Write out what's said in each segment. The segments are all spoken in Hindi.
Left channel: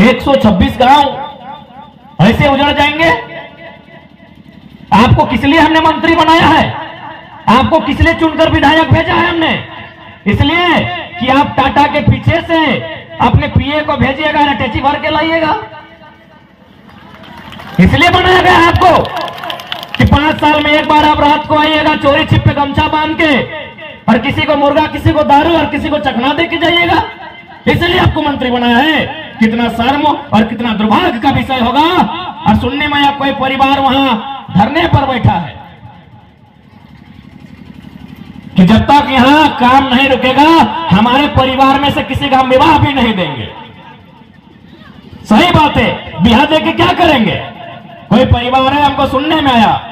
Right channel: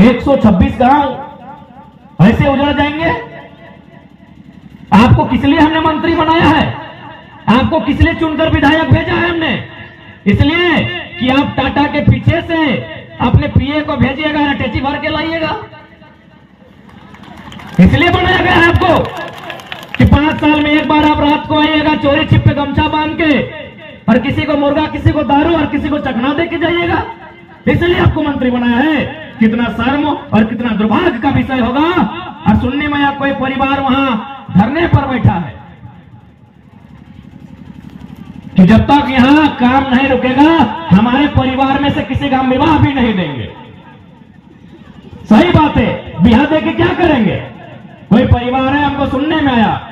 126 गांव ऐसे उजड़ जाएंगे? आपको किस लिए हमने मंत्री बनाया है? आपको किस लिए चुनकर विधायक भेजा है हमने? इसलिए कि आप टाटा के पीछे से अपने पीए को भेजिएगा, अटैची भर के लाइएगा। इसलिए बनाया गया आपको कि 5 साल में एक बार आप रात को आइएगा, चोरी छिप पे गमछा बांध के, और किसी को मुर्गा, किसी को दारू और किसी को चखना दे के जाइएगा। इसलिए आपको मंत्री बनाया है। कितना शर्म और कितना दुर्भाग्य का विषय होगा। और सुनने में या कोई परिवार वहां धरने पर बैठा है कि जब तक यहां काम नहीं रुकेगा हमारे परिवार में से किसी का विवाह भी नहीं देंगे। सही बात है, बिहार दे के क्या करेंगे? कोई परिवार है, हमको सुनने में आया,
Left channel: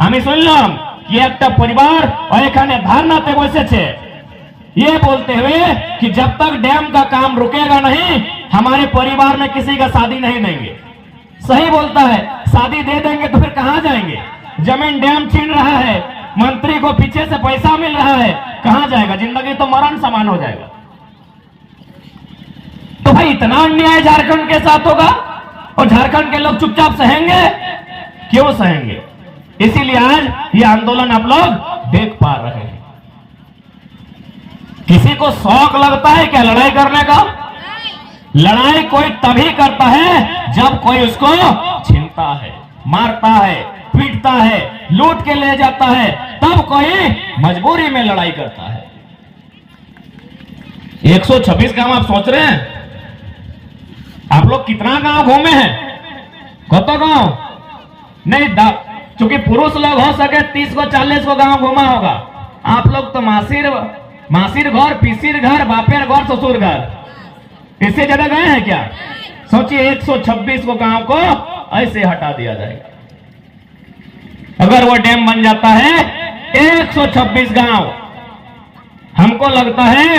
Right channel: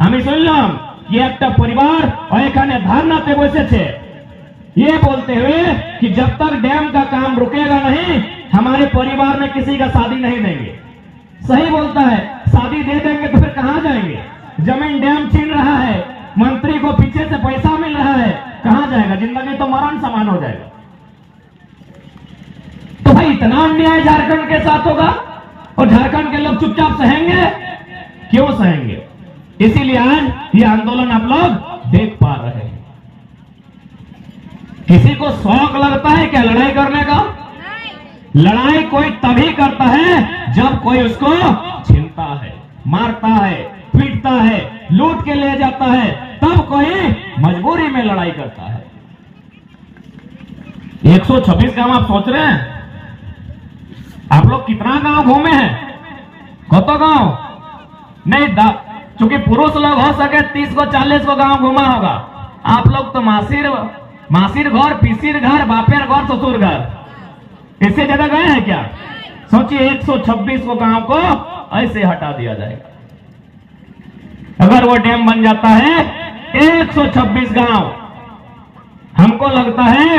हमें सुनलाम कि एक परिवार और एक धारणाते बसे छे, ये बोलते हुए कि जब तक डैम का काम रुकेगा नहीं हमारे परिवार में किसी का शादी नहीं देंगे। सही बोलता है, शादी दे देंगे तो फिर कहां जाएंगे? जमीन डैम छीन रहा है, मंत्री को पीछे से पैसा मिल रहा है, कहां जाएगा? जिंदगी तो मरण समान हो जाएगा। तो भाई इतना अन्याय झारखंड के साथ होगा और झारखंड के लोग चुपचाप सहेंगे? क्यों सहेंगे? इसीलिए आज ये आंदोलन आप लोग देख पा रहे हैं। किसी को शौक लगता है क्या लड़ाई करने का? लड़ाई कोई तभी करता है जब कोई उसको छीनता है, मारता है, पीटता है, लूट के ले जाता है, तब कोई मजबूरी में लड़ाई करता है। 126 गांव आप सोच रहे हैं? आप लोग कितना गांव घूमे हैं? कतो गांव नहीं, चूंकि पुरुष लोग हो सके 30 को 40 को गांव घूमा होगा। आप लोग तो मासिर घर, पीसिर घर, बापेर घर, ससुर घर, इससे ज्यादा गए हैं क्या? सोचिए 126 को गांव को ऐसे हटा दिया जाएगा। अगर वो डैम बन जाता है 126 गांव, हमको लगता है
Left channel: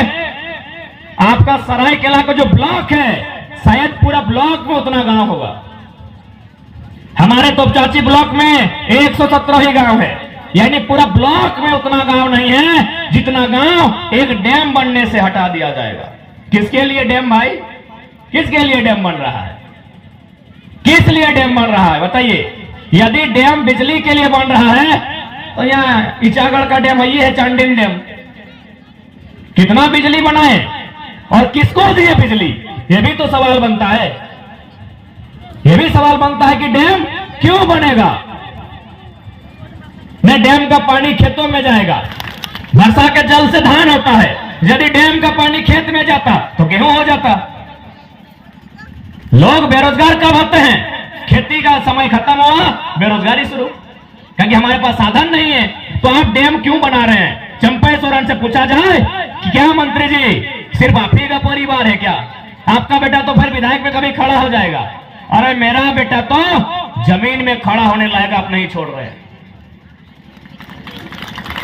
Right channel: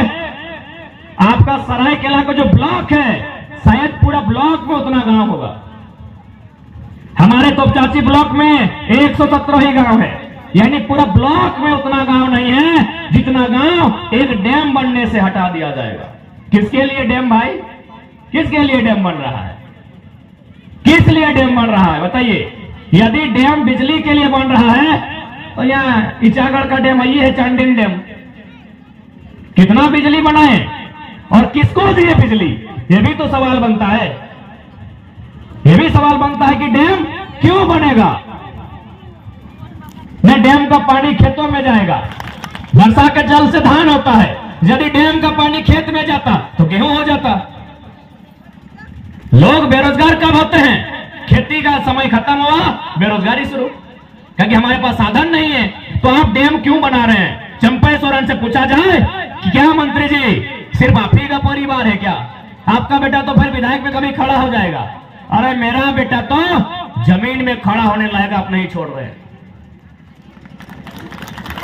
आपका सरायकेला का जो ब्लॉक है शायद पूरा ब्लॉक में उतना गांव होगा। हमारे तोपचाची ब्लॉक में 117 ही गांव है, यानी पूरा ब्लॉक में उतना गांव नहीं है जितना गांव एक डैम बनने से हटा दिया जाएगा। किसके लिए डैम भाई? किसके लिए डैम बन रहा है? किस लिए डैम बन रहा है बताइए? यदि डैम बिजली के लिए बन रहा है तो यहाँ इचागढ़ का डैम ये है, चांडिल डैम, कितना बिजली बनाए और किसको दिए बिजली? ये भी तो सवाल बनता है। ये भी सवाल बनता है कि डैम क्यों बनेगा? न डैम का पानी खेतों में जाएगा, वर्षा के जल से धान होता है। यदि डैम का पानी खेत में जाता तो गेहूं हो जाता। लोग बेरोजगार कब होते हैं? खेती का समय खत्म हुआ, बेरोजगारी शुरू, क्योंकि हमारे पास साधन नहीं है। तो आप डैम क्यों बना रहे हैं? चंपा सोरेन से पूछा जाए कि क्या मंत्री जी सिर्फ आप ही का परिवार है क्या? आपका बेटा तो फिर विधायक में कभी खड़ा हो जाएगा। अरे मेरा बेटा तो जमीन में खड़ा होने लायक आप नहीं छोड़ रहे।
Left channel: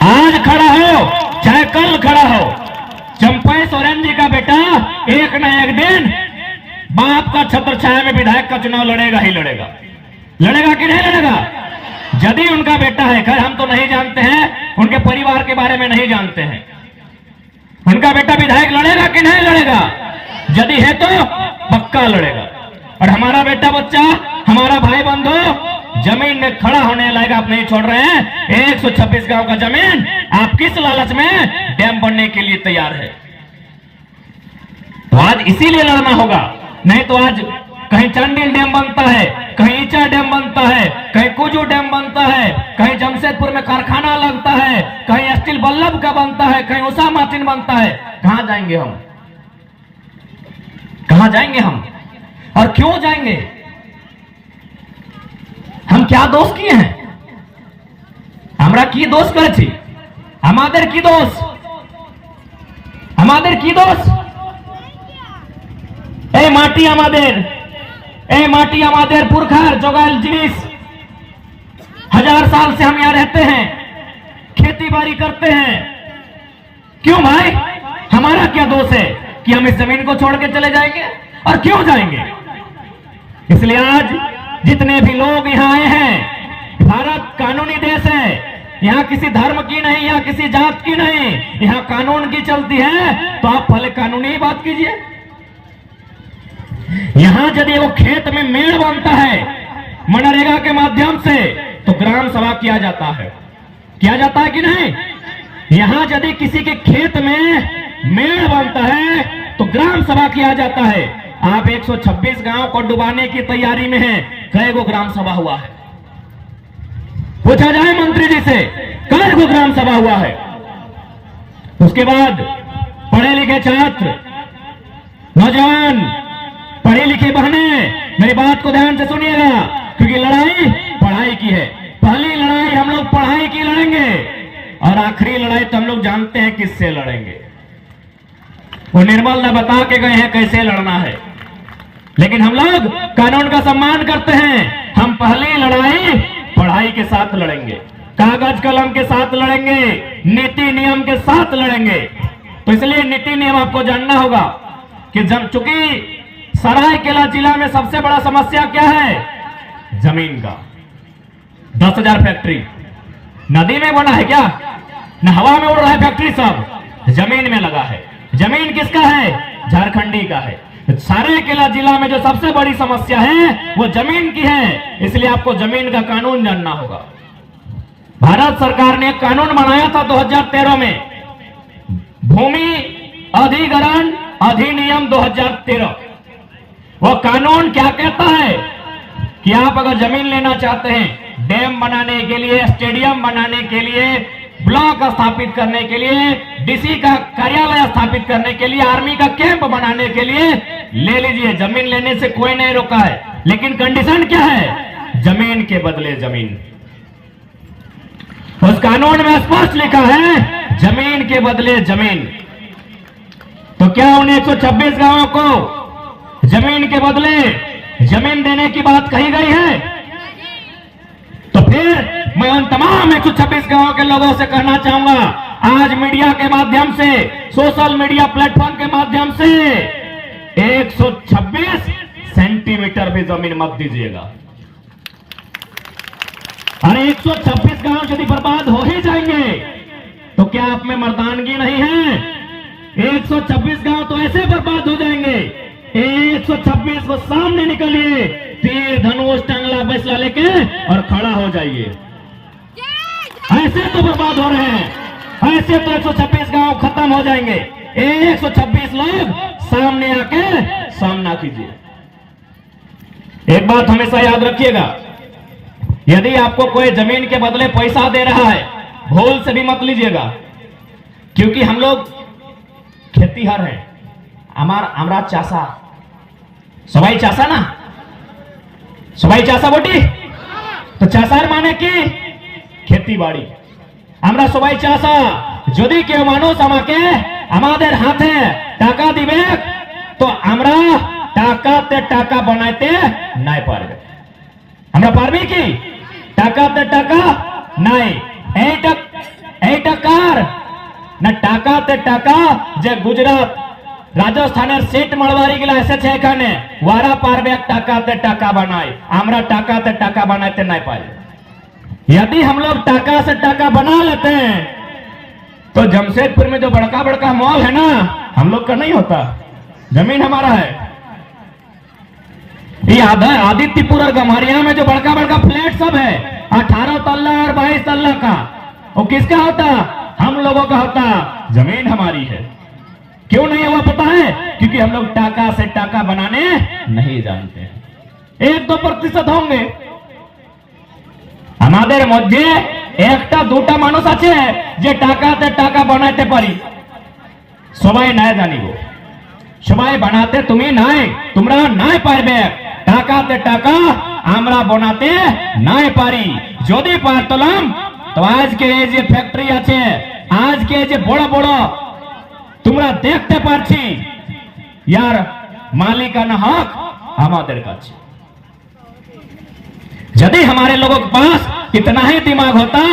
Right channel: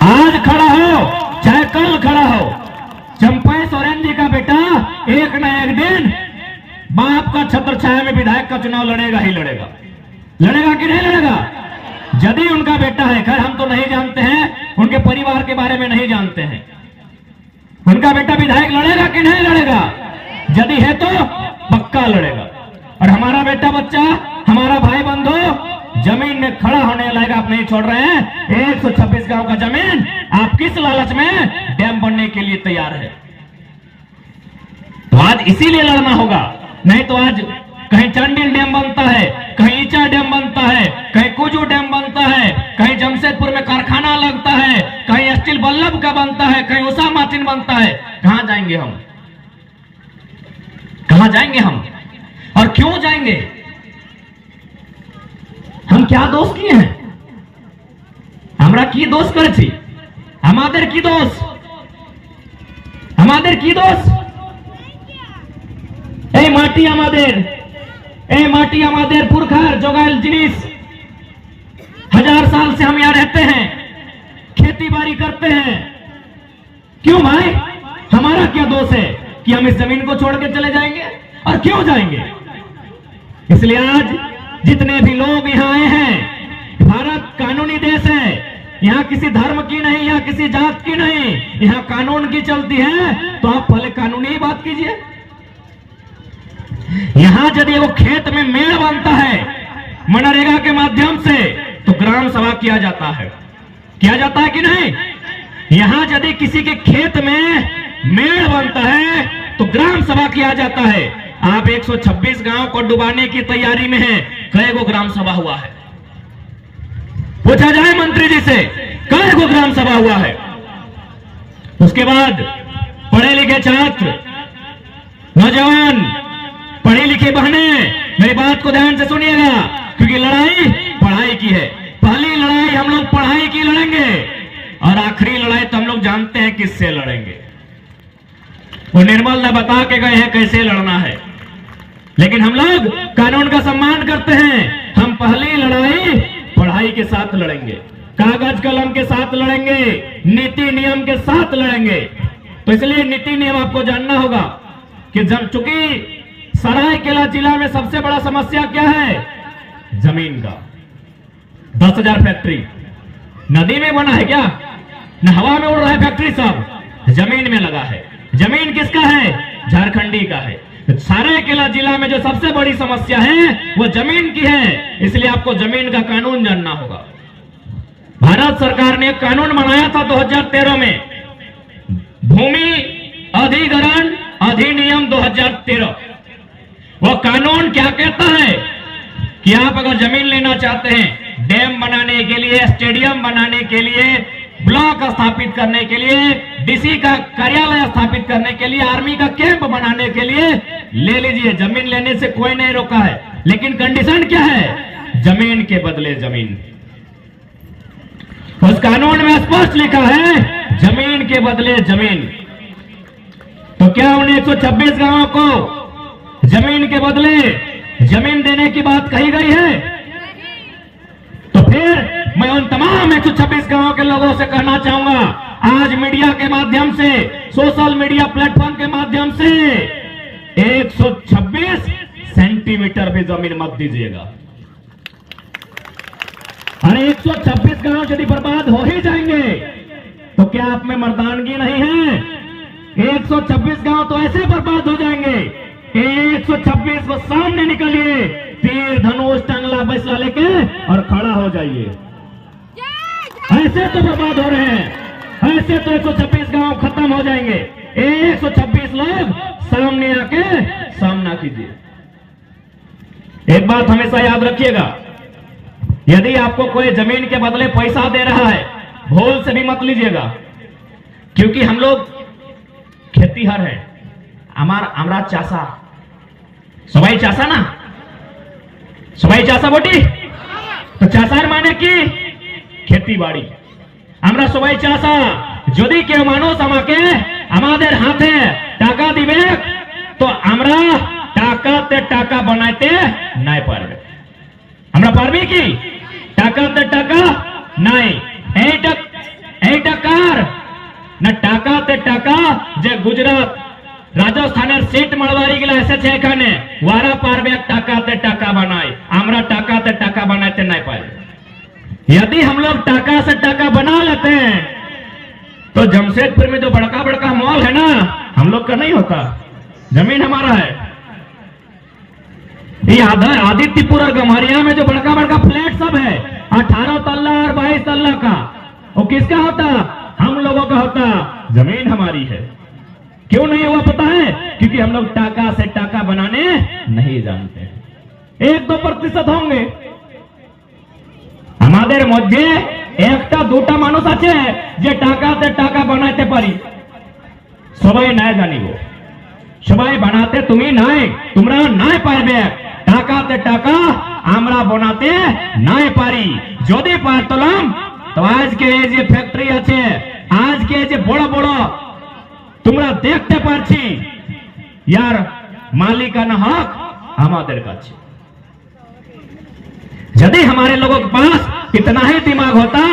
आज खड़ा हो चाहे कल खड़ा हो, चंपा सोरेन जी का बेटा एक न एक दिन बाप का छत्र छाया में विधायक का चुनाव लड़ेगा ही लड़ेगा। लड़ेगा कि नहीं लड़ेगा? यदि उनका बेटा है, खैर हम तो नहीं जानते हैं, उनके परिवार के बारे में नहीं जानते हैं, उनका बेटा विधायक लड़ेगा कि नहीं लड़ेगा? यदि है तो पक्का लड़ेगा। और हमारा बेटा बच्चा, हमारा भाई बंधु जमीन में खड़ा होने लायक आप नहीं छोड़ रहे हैं। 126 गांव का जमीन आप किस लालच में डैम बनने के लिए तैयार है? तो आज इसीलिए लड़ना होगा, नहीं तो आज कहीं चांडिल डैम बनता है, कहीं ईचा डैम बनता है, कहीं कुजू डैम बनता है, कहीं जमशेदपुर में कारखाना लगता है, कहीं स्टील बल्लभ का बनता है, कहीं उषा मार्टिन बनता है। कहां जाएंगे हम? कहां जाएंगे हम? और क्यों जाएंगे? हम क्या दोष किए हैं? हमरा की दोष करे छी? हमादेर की दोष? हमादेर की दोष? ए माटी हमादेर पुरखार जोगाल जिनिस, 1000 साल से हम यहाँ रहते हैं, खेती बाड़ी करते हैं। क्यों भाई? हमारा क्या दोष है कि हम इस जमीन को छोड़ के चले जाएंगे? और क्यों जाएंगे? इसलिए आज जितने भी लोग यहाँ आए हैं, भारत कानूनी देश है, यहाँ किसी धर्म की नहीं, यहाँ किसी जात की नहीं, यहाँ कानून की चलती है। तो आप पहले कानूनी ही बात कीजिए। यहां यदि वो खेत में मेड़ बनता है मनरेगा के माध्यम से तो ग्राम सभा किया जाता है कि नहीं? यहां यदि किसी के खेत में मेड़ बनता है तो ग्राम सभा किया जाता है। आप 126 गांव को डुबाने की तैयारी में हैं, कई गो ग्राम सभा हुआ है? पूछा जाए मंत्री जी से, कई गो ग्राम सभा हुआ है? उसके बाद पढ़े लिखे छात्र, नौजवान, पढ़ी लिखी बहनें, मेरी बात को ध्यान से सुनिएगा, क्योंकि लड़ाई पढ़ाई की है। पहली लड़ाई हम लोग पढ़ाई की लड़ेंगे और आखिरी लड़ाई तो हम लोग जानते हैं किससे लड़ेंगे। वो निर्मल ने बता के गए हैं कैसे लड़ना है, लेकिन हम लोग कानून का सम्मान करते हैं। हम पहली लड़ाई पढ़ाई के साथ लड़ेंगे, कागज कलम के साथ लड़ेंगे, नीति नियम के साथ लड़ेंगे। तो इसलिए नीति नियम आपको जानना होगा कि चूंकि सरायकेला जिला में सबसे बड़ा समस्या क्या है? जमीन का। 10,000 फैक्ट्री नदी में बना है क्या? न हवा में उड़ रहा है फैक्ट्री, सब जमीन में लगा है। जमीन किसका है? झारखंडी का है। सरायकेला जिला में जो सबसे बड़ी समस्या है वो जमीन की है, इसलिए आपको जमीन का कानून जानना होगा। भारत सरकार ने एक कानून बनाया था 2013 में, भूमि अधिग्रहण अधिनियम 2013। वो कानून क्या कहता है कि आप अगर जमीन लेना चाहते हैं, डैम बनाने के लिए, स्टेडियम बनाने के लिए, ब्लॉक स्थापित करने के लिए, डीसी का कार्यालय स्थापित करने के लिए, आर्मी का कैंप बनाने के लिए, ले लीजिए, जमीन लेने से कोई नहीं रोका है। लेकिन कंडीशन क्या है? जमीन के बदले जमीन। उस कानून में स्पष्ट लिखा है जमीन के बदले जमीन। तो क्या उन 126 गांवों को जमीन के बदले जमीन देने की बात कही गई है? तो फिर मैं उन तमाम 126 गांवों के लोगों से कहना चाहूंगा, आज मीडिया के माध्यम से, सोशल मीडिया प्लेटफॉर्म के माध्यम से 126 सेंटीमीटर भी जमीन मत दीजिएगा। अरे 126 गांव यदि बर्बाद हो ही जाएंगे तो क्या आप में मर्दानगी नहीं है? 126 गांव तो ऐसे बर्बाद हो जाएंगे। 126 को सामने निकलिए, तीर धनुष टंगला बैसला लेके और खड़ा हो जाइए। ऐसे तो बर्बाद हो रहे हैं, ऐसे तो 126 गांव खत्म हो जाएंगे। 126 लोग सामने आके सामना कीजिए। एक बात हमेशा याद रखिएगा, यदि आपको कोई जमीन के बदले पैसा दे रहा है, भूल से भी मत लीजिएगा, क्योंकि हम लोग खेतीहर हैं। हमारा चासा, सबाई चासा ना, सबाई चासा बोटी, तो चाषार माने की खेती बाड़ी। আমরা সবাই চাষা, যদি কেউ মানুষ আমাকে আমাদের হাতে টাকা দিবে তো আমরা টাকাতে টাকা বানাইতে নাই পারবে। আমরা পারবি কি? টাকাতে টাকা নাই। এইটা কার না? টাকাতে টাকা যে গুজরাট রাজস্থানের সিট মারওয়ারি গুলা এসেছে এখানে, ওরা পারবে টাকাতে টাকা বানায়, আমরা টাকাতে টাকা বানাইতে নাই পারবে। यदि हम लोग टाका से टाका बना लेते हैं तो जमशेदपुर में जो बड़का बड़का मॉल है ना, हम लोग का नहीं होता, जमीन हमारा है। ये आदित्यपुर और गम्हरिया में जो बड़का बड़का फ्लैट सब है, 18 तल्ला और 22 तल्ला का, वो किसका होता? हम लोगों का होता। जमीन हमारी है। क्यों नहीं हुआ पता है? क्योंकि हम लोग टाका से टाका बनाने नहीं जानते। 1-2% होंगे আমাদের মধ্যে, একটা দুটা মানুষ আছে যে টাকাতে টাকা বানাইতে পারি, সবাই নাই জানিব, সবাই বানাতে তুমি নাই, তোমরা নাই পারবে। টাকাতে টাকা আমরা বানাতে নাই পারি। যদি পারতাম তো আজকে এই যে ফ্যাক্টরি আছে, আজকে যে বড় বড় তোমরা দেখতে পাচ্ছি, यार মালিকানা হক আমাদের কাছে। यदि हमारे लोगों के पास इतना ही दिमाग होता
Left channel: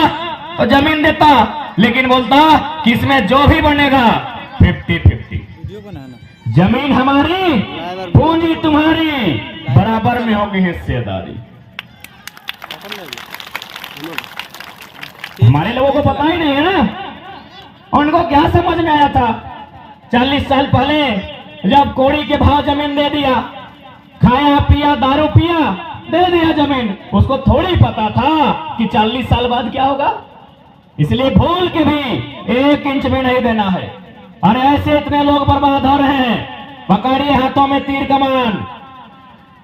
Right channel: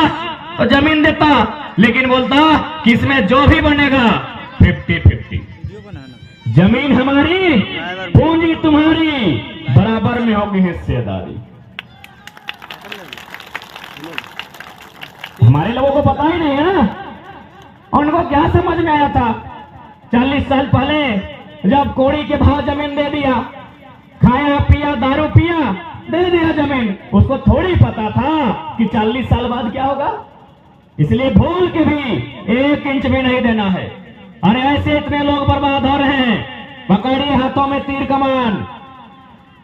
तो जमीन देता, लेकिन बोलता कि इसमें जो भी बनेगा 50-50, जमीन हमारी, पूंजी तुम्हारी, बराबर में होगी हिस्सेदारी। हमारे लोगों को पता ही नहीं है ना, उनको क्या समझ में आया था 40 साल पहले जब कोड़ी के भाव जमीन दे दिया, दे दिया जमीन, उसको थोड़ी पता था कि 40 साल बाद क्या होगा। इसलिए भूल के भी 1 इंच भी नहीं देना है। अरे ऐसे इतने लोग बर्बाद हो रहे हैं। पकड़िए हाथों में तीर कमान,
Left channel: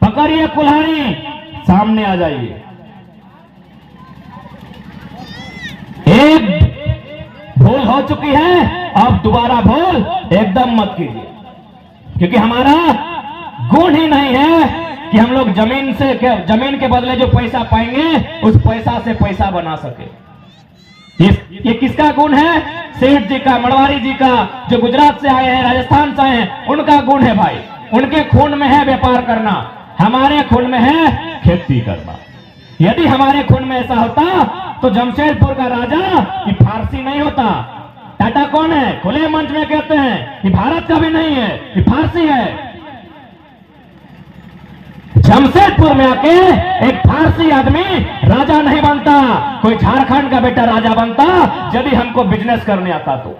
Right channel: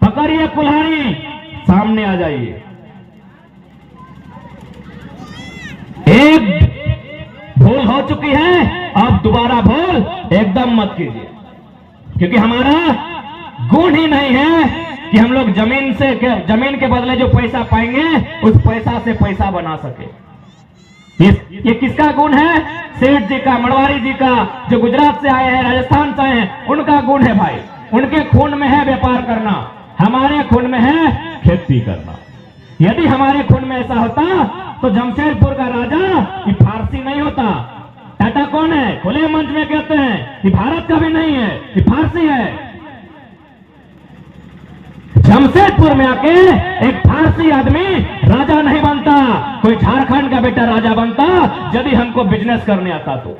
पकड़िए कुल्हाड़ी, सामने आ जाइए। एक भूल हो चुकी है, अब दोबारा भूल एकदम मत कीजिए, क्योंकि हमारा गुण ही नहीं है कि हम लोग जमीन के बदले जो पैसा पाएंगे उस पैसा से पैसा बना सके। ये किसका गुण है? सेठ जी का, मड़वारी जी का, जो गुजरात से आए हैं, राजस्थान से आए हैं, उनका गुण है भाई। उनके खून में है व्यापार करना, हमारे खून में है खेती करना। यदि हमारे खून में ऐसा होता तो जमशेदपुर का राजा ये फारसी नहीं होता। टाटा कौन है? खुले मंच में कहते हैं कि भारत का भी नहीं है, ये फारसी है। जमशेदपुर में आके एक फारसी आदमी राजा नहीं बनता, कोई झारखंड का बेटा राजा बनता, यदि हमको बिजनेस करने आता तो।